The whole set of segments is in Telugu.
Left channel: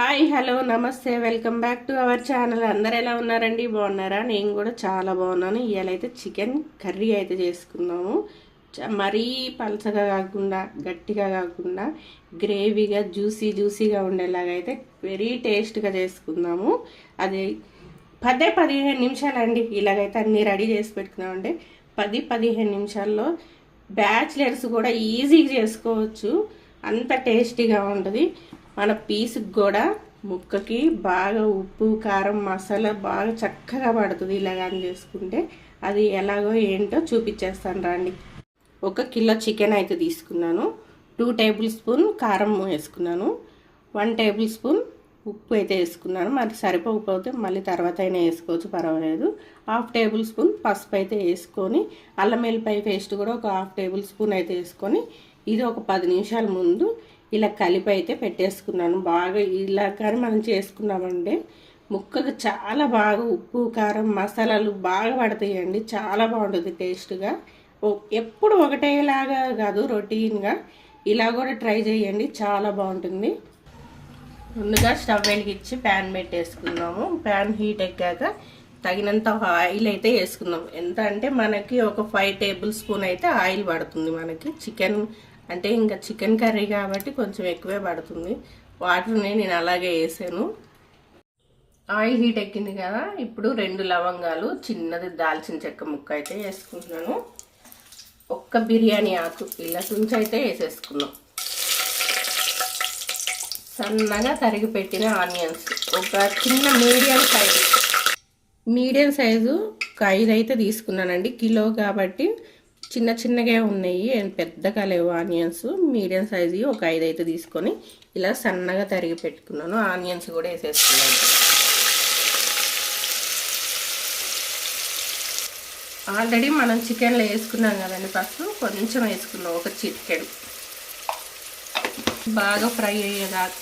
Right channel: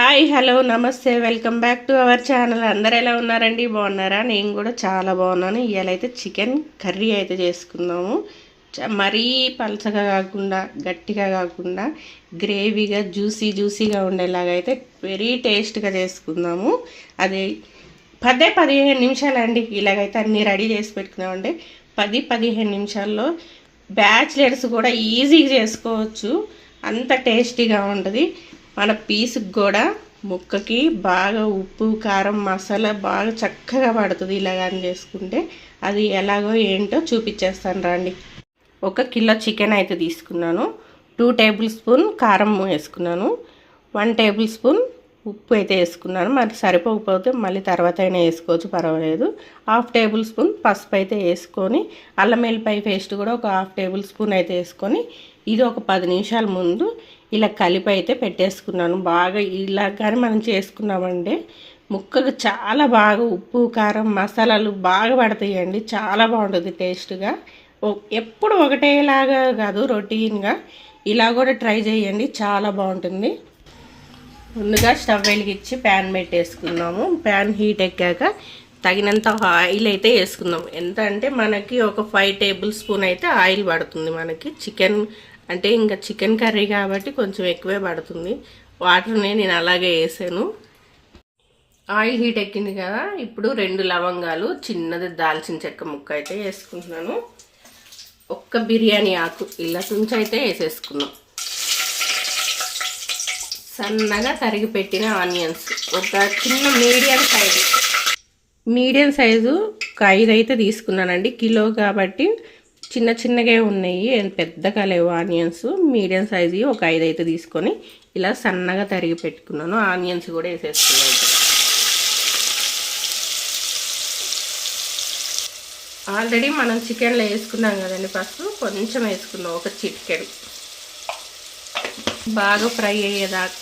హాయ్ హలో నమస్తే welcome back to our channel. అందరు ఎలా ఉన్నారండి? బాగున్నారా? నేను కూడా చాలా బాగున్నాను. ఇవాళ అయితే చికెన్ కర్రీ అయితే చేసుకుందాము. మరీ పలచగా కాకుండా గట్టిగా కాకుండా గ్రేవీగా జ్యూసీగా ఉండేలాగా అయితే వెరీ టేస్ట్గా చేసుకుందాము. అది 10-15 నిమిషాలండి. ఇలాగైతే అన్నీ రెడీ చేసి పెట్టుకున్నామంటే 10-15 నిమిషాల్లో బ్యాచిలర్స్ కూడా ఈజీగా చేసుకోవచ్చు. అంత టేస్టీగా ఉంటుంది. మన పీసుకి కూడా ముక్కకి బాగా ఉప్పు కారం మసాలా బాగా చక్కగా పడుతుంది. ఇలాగని చేసుకుంటే అది ఎలాగో ఏంటో చూపించేస్తాను రండి. 1 కిలో చికెన్ అయితే తీసుకున్నాను. 2 టేబుల్ స్పూన్ కారం వేసుకున్నాను. 1 టేబుల్ స్పూన్ ఉప్పు అయితే వేసుకున్నాను. మరి సరిపోకపోతే మళ్ళీ తర్వాత అయినా వేసుకోవచ్చు, పర్వాలేదు. 1/2 టేబుల్ స్పూన్ పసుపు అయితే వేసుకొని అల్లం వెల్లిపాయ పేస్ట్ కూడా 1/2 టేబుల్ స్పూన్ అయితే వేసుకొని ఇది ఒక 10 నిమిషాల ముందు ఇలా కలిపి అయితే పెట్టేసుకున్నాను. బాగా ఇలా కానీ మనం చేసుకున్నామంటే ముక్కకు చాలా బాగా ఉప్పు కారం మసాలాలు బాగా పడతాయండి. చాలా బాగుంటుంది టేస్ట్గా. ఎప్పుడు ఒకటేలాగా కాదు, రొటీన్గా ఇలా కూడా ట్రై చేయండి, చాలా బాగుంటుంది. ముందుగా స్టవ్ వెలిగించి ప్యాన్ పెట్టేసుకున్నాము. ప్యాన్ హీట్ ఎక్కాక తగినంత ఆయిల్ అయితే వేసుకుందాం. ఎంత అంటే మనకి ఒక 5 టేబుల్ స్పూన్ అయితే ఆయిల్ పడుతుంది. మనకి చికెన్ అంటే ఇంకా చికెన్ కర్రీ కాబట్టి కొంచెం ఎక్కువే పడుతుంది. వాటర్ని నేను అలాగే వేసాను. ఆయిల్ హీట్ ఎక్కింది కదా, ఇప్పుడు 2 లవంగాలు చిన్నది దాల్చిన చెక్క ముక్క అయితే వేసుకుంటున్నాను. 1 బిర్యానీ ఆకు ఇలా నుంచి అయితే వేసేసుకున్నాం. సన్నగా తరిగి పెట్టిన ఆనియన్స్ ఒక చిన్న మీడియం సైజు ఒక 5 అయితే తీసుకున్నానండి. కిలో కాబట్టి చిన్నగా ఉన్నాయి, పెద్దగా లేవు ఆనియన్స్. మీడియం సైజు ఒక 5 అయితే తీసుకొని ఇలా సన్నగా తరిగి పెట్టుకున్నాను. ఆనియన్స్ కూడా వేసేసుకున్నాను. ఆల్రెడీ మనం చికెన్లో వేసుకున్నాం కదండి, ఫస్ట్ కొంచెం వేసుకున్నాం, ఒక చిటికెన్. బాగా ఫ్రై అయ్యేదాకా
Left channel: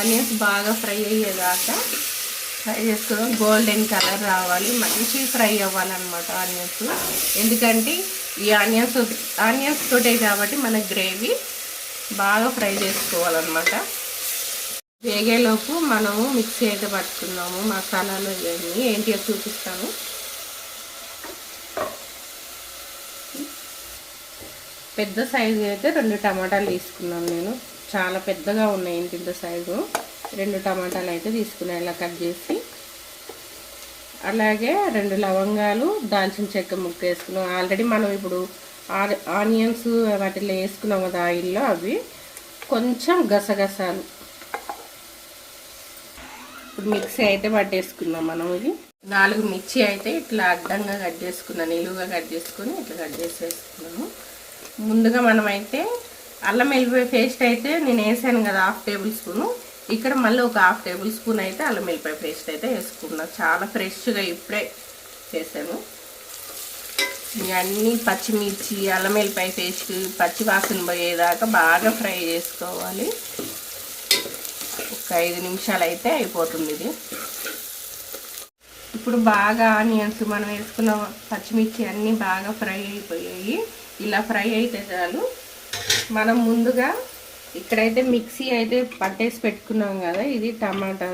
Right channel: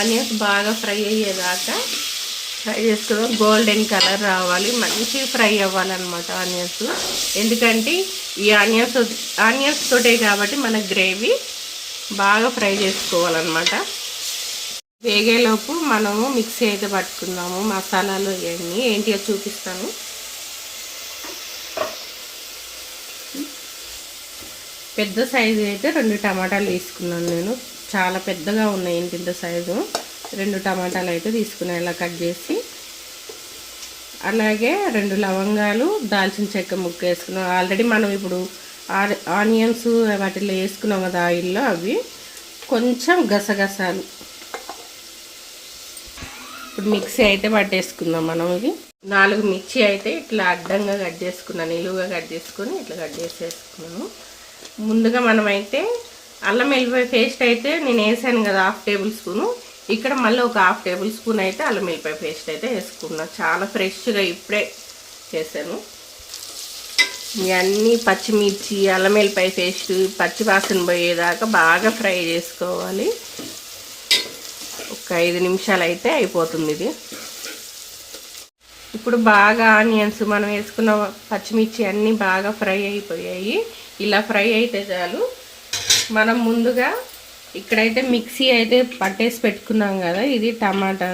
ఆనియన్స్ బాగా ఫ్రై అయ్యేదాకా ఫ్రై చేసుకున్నాం. గోల్డెన్ కలర్ రావాలి, మంచి ఫ్రై అవ్వాలన్నమాట ఆనియన్స్. ఎందుకంటే ఈ ఆనియన్స్ తోటే కాబట్టి మన గ్రేవీ బాగా ఫ్రై చేసుకోవాలన్నమాట. వేగేలోపు మనము మిక్సీ అయితే పట్టుకుందాము. మసాలాలు ఇవన్నీ ఏంటిగా చూపిస్తాను. పెద్ద సైజు అయితే 2 టమాటాలు తీసుకున్నాను నేను. చాలా పెద్దగా ఉన్నాయి, ఇంత సైజు. 2 టమాటాలు అయితే తీసుకున్నాను ఇలా కట్ చేసి. అలాగే 2 లవంగాలు దాల్చిన చెక్క ముక్క వేసుకున్నాం. ఆల్రెడీ మనం ఇప్పుడు ఆనియన్స్ వాటిలో వేసుకున్నాం కదా ఆయిల్లో, అవి కొంచెం గసగసాలు. ఇప్పుడు మిక్సీ అయితే పట్టేసుకుందాం మనం. ఇది 4 మిర్చి అయితే ఇట్లా అడ్డంగా కట్ చేసుకున్నాను, నిలువుగా కట్ చేసుకొని ఇట్లా కట్ చేసేసుకున్నాము. ముందుగా మనమైతే అల్లం వెల్లిపాయ పేస్ట్ అయితే నేను వేసాను కదా 1/2 టేబుల్ స్పూను. ఇక్కడ మళ్ళీ ఒక 1/2 టేబుల్ స్పూన్ అయితే అల్లం వెల్లిపాయ పేస్ట్ అయితే వేసుకున్నాను. చాలా ఫ్రెష్గా ఇప్పుడే చేశాను. ఇవన్నీ పచ్చిమిర్చి అల్లం వెల్లిపాయ పేస్ట్ పచ్చి వాసన పోయేదాకా బాగా ఫ్రై చేసుకోవాలి. ఒక 5 నిమిషాలు అయితే అయిపోతుంది ఇది. ఇప్పుడు బాగా ఆనియన్స్ మనం వేసుకున్న పచ్చిమిర్చి అన్నీ బాగా ఫ్రై అయిపోయాయి. ఇలా ఫ్రై అయితే చాలు. మనం ముందుగా ఇక్కడైతే మిక్సీ అయితే పట్టేసి పెట్టుకున్నాం కదా, ఇది టమాటా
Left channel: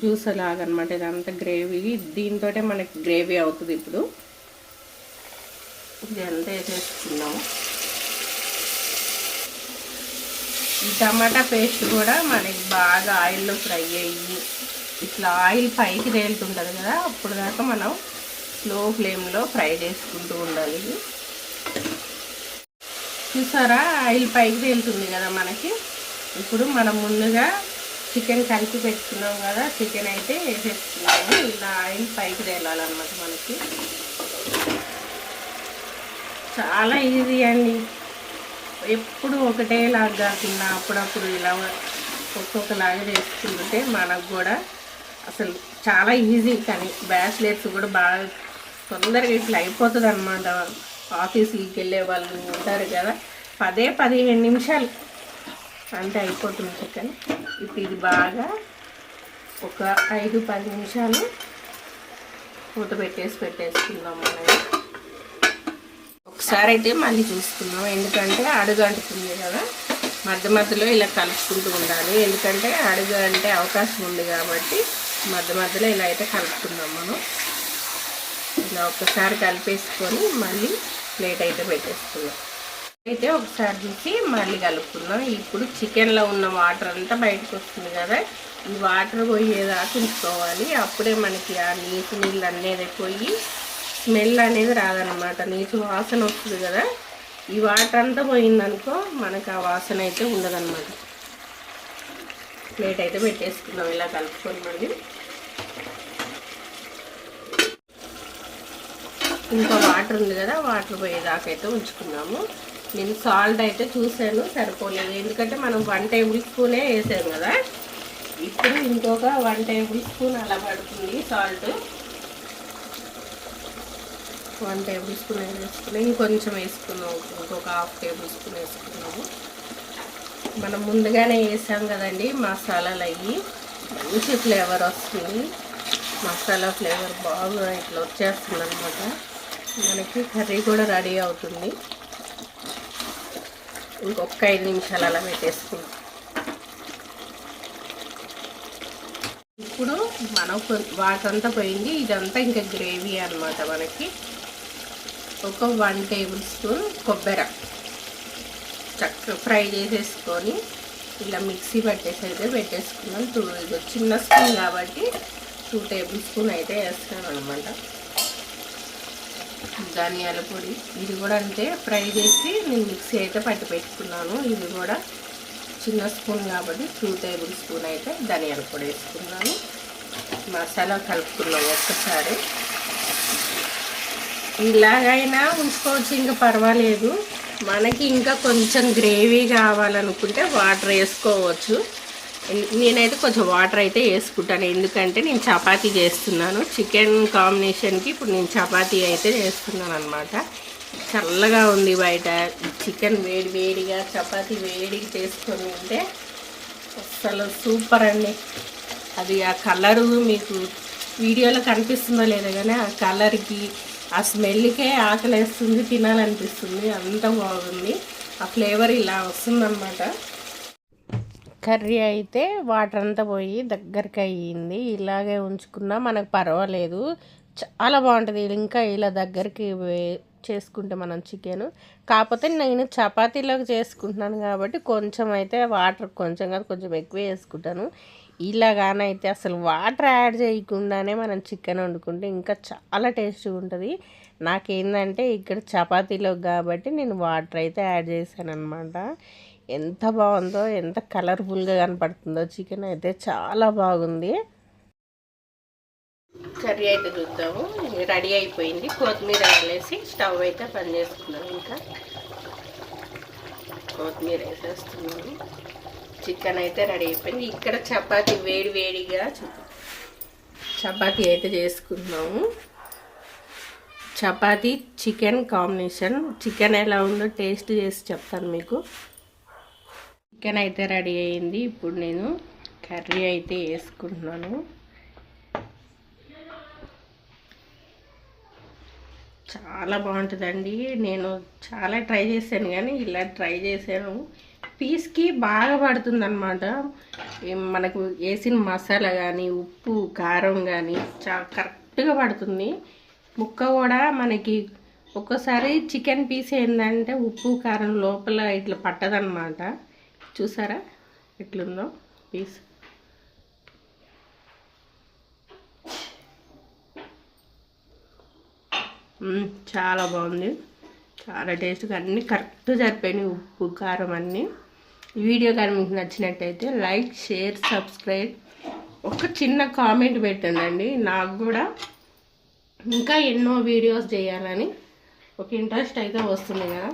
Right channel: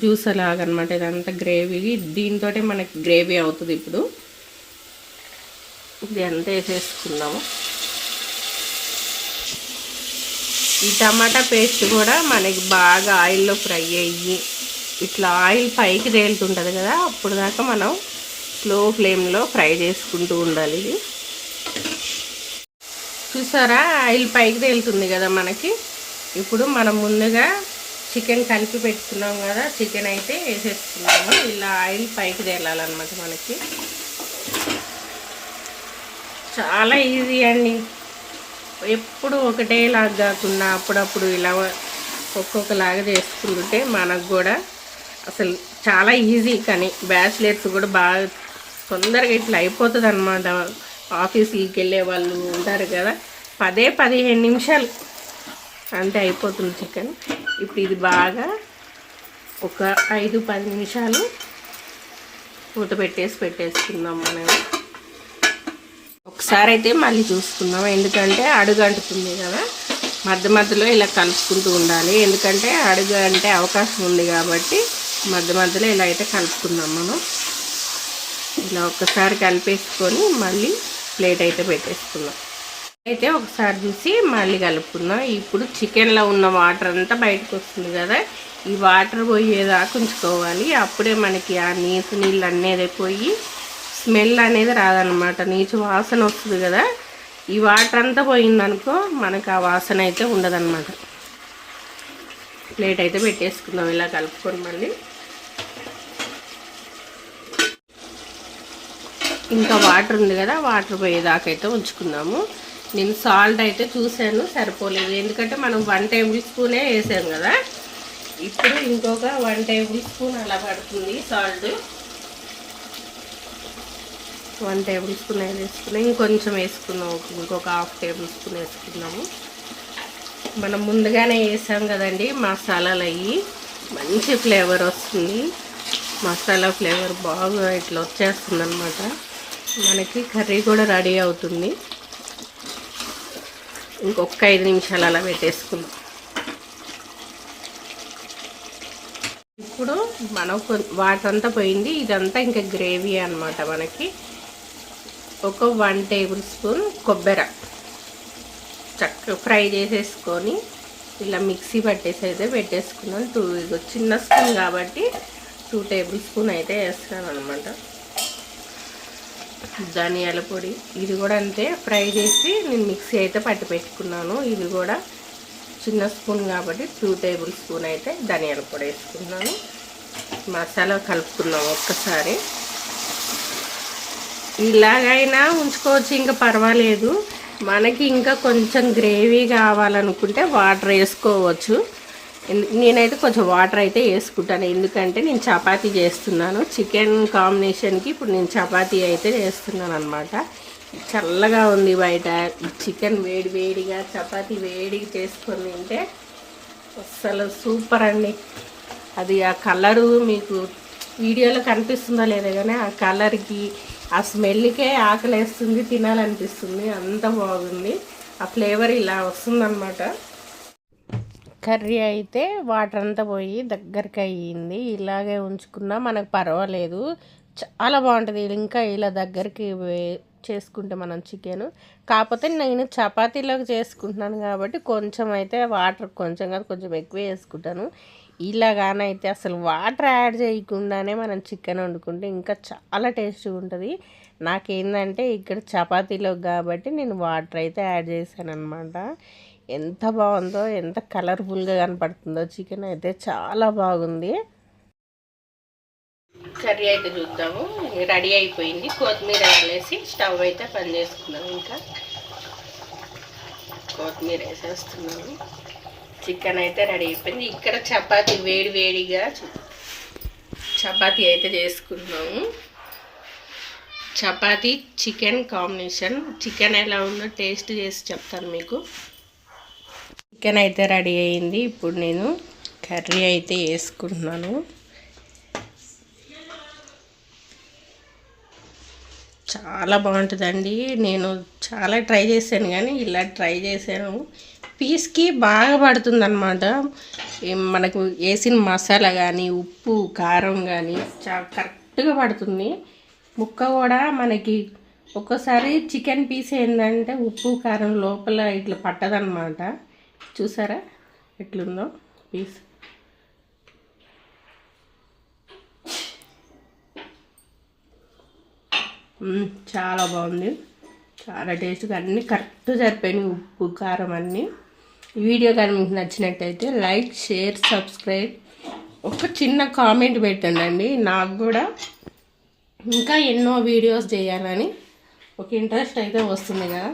జ్యూస్ లాగనమాట. ఇదంతా గ్రేవీ, దీంతో మనకి గ్రేవీ అవుతుంది. ఇప్పుడు ఇది అంతా వేసేసుకుందాము. ఈ టమాటా పేస్ట్ కూడా మనకి బాగా ఆయిల్లో ఫ్రై అయ్యి ఇట్లా ఆయిల్ పైకి తేలుతుంటుంది కదా, అప్పుడు దాకా మనం స్లో ఫ్లేమ్లో ఫ్రై చేసుకుంటూ ఉండాలి. చూసారా, ఆయిల్ పైకి తేలుతుంది కదా మనకి. ఇప్పుడు మనం ముందుగా చికెన్ కలిపి పెట్టుకున్నాం కదా, చికెన్ అయితే వేసేసుకున్నాము. ఇలా ఆయిల్ పైకి తేలాలన్నమాట మనకి. చాలా ఈజీ అండి. ఎప్పుడు ఒకటేలాగా కాకుండా అప్పుడప్పుడు ఇలా ఒక్కొక్కలాగా చేసుకుంటే మనకు కూడా అసలు చాలా ఈజీ. కానీ బ్యాచిలర్స్ కూడా బాగా తొందరగా ఇట్లా అయిపోతుంది అన్నమాట. ఆఫీస్కి వెళ్ళే వాళ్ళు ఉంటారు కదా, 10-15 నిమిషాలు అంటే అయిపోతుంది చికెన్. ఇప్పుడు ఇది బాగా ఒక 5-10 నిమిషాలు మూత పెట్టేసుకుందాం మనం. ఒకసారి అయితే మళ్ళీ చూసుకుందాం, ఎందుకంటే అడుగు అంటుతుంది కదా. మధ్య మధ్యలో ఇలా కలుపుకుంటూ ఉండాలి, ఎందుకంటే అడుగు అంటే అవకాశం ఉంది కాబట్టి మధ్య మధ్యలో ఇలా అయితే కలుపుకుందాం మనం. ఇలా ఒక్కసారి కలిపేసుకొని మళ్ళీ ప్లేట్ అయితే పెట్టేసుకుందాం. అయితే ఒకసారి చూసి మళ్ళీ కలుపుకుందాం. ఇప్పుడు చికెన్లో ఉన్న వాటర్ అంతా బయటకు వస్తుంది కదా, ఈ వాటర్ పోయేదాకా ఉంచుకోవాలి. అప్పుడే మనకి ఆ నీచు నీళ్ళు అనేది పోయి స్మెల్ అనేది రాదనమాట, నీచు వాసన వస్తుంది కదా. ఈ వాటర్ అంతా పోయిందనుకో మనకు ఆ వాసన అయితే ఉండదన్నమాట. ప్లేట్ అయితే పెట్టేసుకుందాం ఇలా కలుపుకొని. మళ్ళీ ఇంకా వాటర్ ఉంది కదా, వాటర్ పోయేదాకా అయితే ఉంచుకున్నాము. నేను సాల్ట్ అయితే చూసాను, సరిపోలేదు, ఎందుకంటే మనం 1 టేబుల్ స్పూనే వేసాము కదా. ఇప్పుడు ఇంకొక 1 టేబుల్ స్పూన్ అలా పడుతుంది సాల్ట్. 1 టేబుల్ స్పూన్ వేసుకున్నాం, ఇంకొంచెం వేసుకున్నాము, ఇంకొక 1/2 టేబుల్ స్పూన్ వేసుకున్నాము. మనం ముందుగానే వేసాం కదండి మసాలాలు, అవి మంచి ఫ్లేవర్ వస్తుంది, మసాలా ఫ్లేవర్ బాగా ఇట్లా వచ్చేస్తుంది అనమాట. మనకి కర్రీ కూడా రెడీ అవుతుంది. ఇంకొక 5 నిమిషాలు అలా పెట్టేసుకుందాం. ఇప్పుడు మనం వాటర్ అంతా పోయింది, ఇదంతా ఇంకా గ్రేవీ అనమాట. మనకి ఒక 1 టేబుల్ స్పూన్ కొబ్బరి చక్కగా ఫ్రై చేసేసుకొని ఇలా మిక్సీ పట్టేసి అయితే పెట్టేసుకున్నాను. ఇది చిన్న స్పూన్ కాబట్టి 2 టేబుల్ స్పూన్ అయితే వేస్తాను అనమాట. ధనియాల పొడి ఇది కూడా అంతే, ఫ్రై చేసి నేను మిక్సీ అయితే పట్టి పెట్టుకున్నాను. ఇది కూడా చిన్న స్పూన్ కాబట్టి 2 టేబుల్ స్పూన్ అయితే ధనియాల పొడి వేసుకున్నాను. మసాలా కలుపుకున్నాను ఒక్కసారి. ఇలాగైనా ఉంచుకోవచ్చు, ఇంకా పర్వాలేదు. మనకి ఇంకా కొంచెం గ్రేవీ కావాలనుకుంటే వాటర్ వేసుకోవచ్చు. నేనైతే కొంచెం వాటర్ అయితే వేసుకుంటాను, ఎందుకంటే నేను చపాతీ చేస్తున్నాను చికెన్ కాంబినేషన్కి. ఇప్పుడు నేను చపాతీ అయితే చేస్తున్నాను అనమాట. చల్లగా ఉంది బయట, చికెన్ వేడి వేడిగా చపాతీ వేడిగా చేసుకొని ఉంటే అసలు సూపర్ అండి. అది ఆ కలరు మీకు వీడియోలో కనిపిస్తుందా లేదా కానీ ఆ కలర్కి ఆ స్మెల్కే ఆకలేస్తుంది, తినాలనిపిస్తుంది, అంత బాగుంది. ఆ ఫ్లేవర్ ఇలా వస్తుందన్నమాట. కర్రీ అయితే వాటర్ అంతా పోయి దగ్గరికి అయ్యింది. ఇలాగే ఉంచుకున్నా మనకు పర్వాలేదు, చాలా బాగుంటుంది. ఇంకా ఇలా దగ్గరికి చేసుకుంటే మనం చికెన్. కాకపోతే నేను చపాతీలోకి చేసుకుంటున్నాను కాబట్టి కొంచెం అయితే వాటర్ కొంచెం కాదు కొంచెం ఎక్కువ వేసుకుంటాను. ఇలాగానైతే అసలు వాటర్ యాడ్ చేయకుండానే మనం చికెన్ వండుకుంటే ఇంకా చాలా టేస్ట్గా ఉంటుంది. నాకేంటంటే ఇక్కడ చపాతీలో కాబట్టి నేను వాటర్ అయితే యాడ్ చేశాను అనమాట. ఎంత బాగుందో, ఎంత కలర్ఫుల్గా కనపడుతుందో చికెన్ అయితే చాలా బాగుంది. కర్రీ అయితే చూద్దాము, రెడీ అయిపోయింది. కొత్తిమీర వేసి స్టవ్ అయితే పని చేసుకున్నాను. ఇంకా కొత్తిమీర వేసేస్తున్నాను. చికెన్ అయితే రెడీ అయిపోయింది. ఇక్కడ చపాతీ వేడి వేడిగా చపాతీ అయితే చేసుకున్నాము. Chapati chicken combination. చికెన్ ఎలా ఉందో టేస్ట్ చేసి చెప్తాను మీకు. చికెన్ అయితే రెడీ అయింది. ఇప్పుడు నేను కర్రీ అయితే వేసుకుంటున్నాను. చాలా బాగుంటుందండి. నేను చాలా ట్రై చేశాను కానీ ఇలా ట్రై చేశాను. పీస్కి బాగా పడుతుంది అన్నమాట. మనకు వేసిన మసాలా కానీ ఉప్పు కారం కానీ చాలా కరెక్ట్గా పడుతుంది. ముక్క కూడా మనకి ఒక్కోసారి చికెన్ పీస్ ఏంటంటే ఉప్పు కారం లోపల ఇట్లా పట్టదన్నమాట. చూసారా ఎట్లుందో పీస్. చాలా బాగుంది, చాలా టేస్ట్గా, అన్నీ కరెక్ట్ సరిపోయినాయి, ఉప్పు కారం అన్నీ. వీడియో కానీ మీకు నచ్చినట్టయితే లైక్ షేర్ సబ్స్క్రైబ్, ఒక చిన్న కామెంట్ పెట్టండి. నాకు కూడా ఇంకా ఎన్నో వీడియోస్ చేయాలని ఒక ఇంట్రెస్ట్ అయితే వస్తుంది కదా.